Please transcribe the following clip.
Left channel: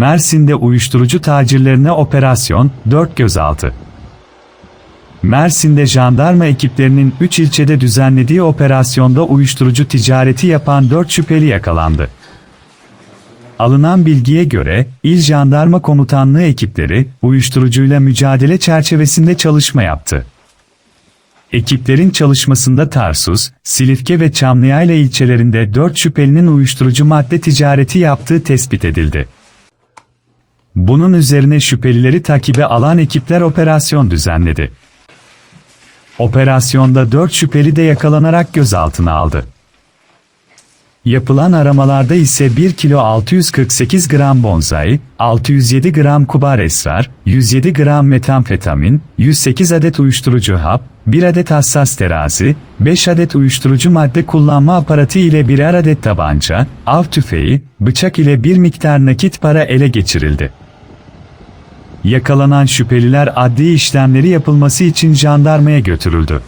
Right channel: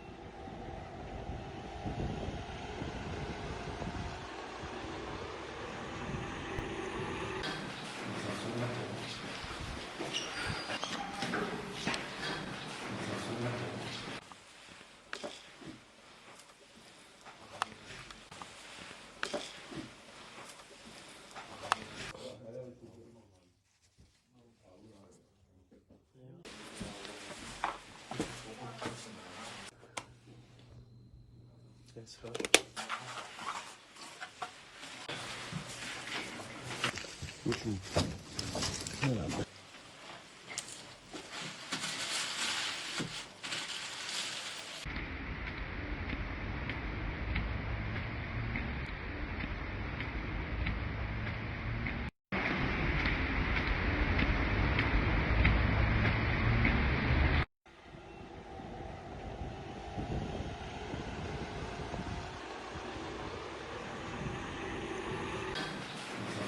Mersin'de uyuşturucu tacirlerine operasyon, 4 gözaltı. Mersin'de jandarma ekiplerinin 3 ilçede düzenlediği operasyonda uyuşturucu ticareti yapan 4 şüpheli yakalandı. Alınan bilgiye göre, İl Jandarma Komutanlığı ekipleri, uyuşturucuyla mücadele çerçevesinde çalışma yaptı. Ekiplerin çalışmasında Tarsus, Silifke ve Çamlıyayla ilçelerinde 4 şüphelinin uyuşturucu madde ticareti yaptığı tespit edildi. Bunun üzerine şüphelileri takibe alan ekipler operasyon düzenledi. Operasyonda 4 şüpheli de yakalanarak gözaltına aldı. Yapılan aramalarda ise 1 kilo 648 gram bonzai, 607 gram kubar esrar, 107 gram metamfetamin, 108 adet uyuşturucu hap, 1 adet hassas terazi, 5 adet uyuşturucu madde kullanma aparatı ile birer adet tabanca, av tüfeği, bıçak ile bir miktar nakit para ele geçirildi. Yakalanan şüpheliler adli işlemleri yapılması için jandarmaya götürüldü.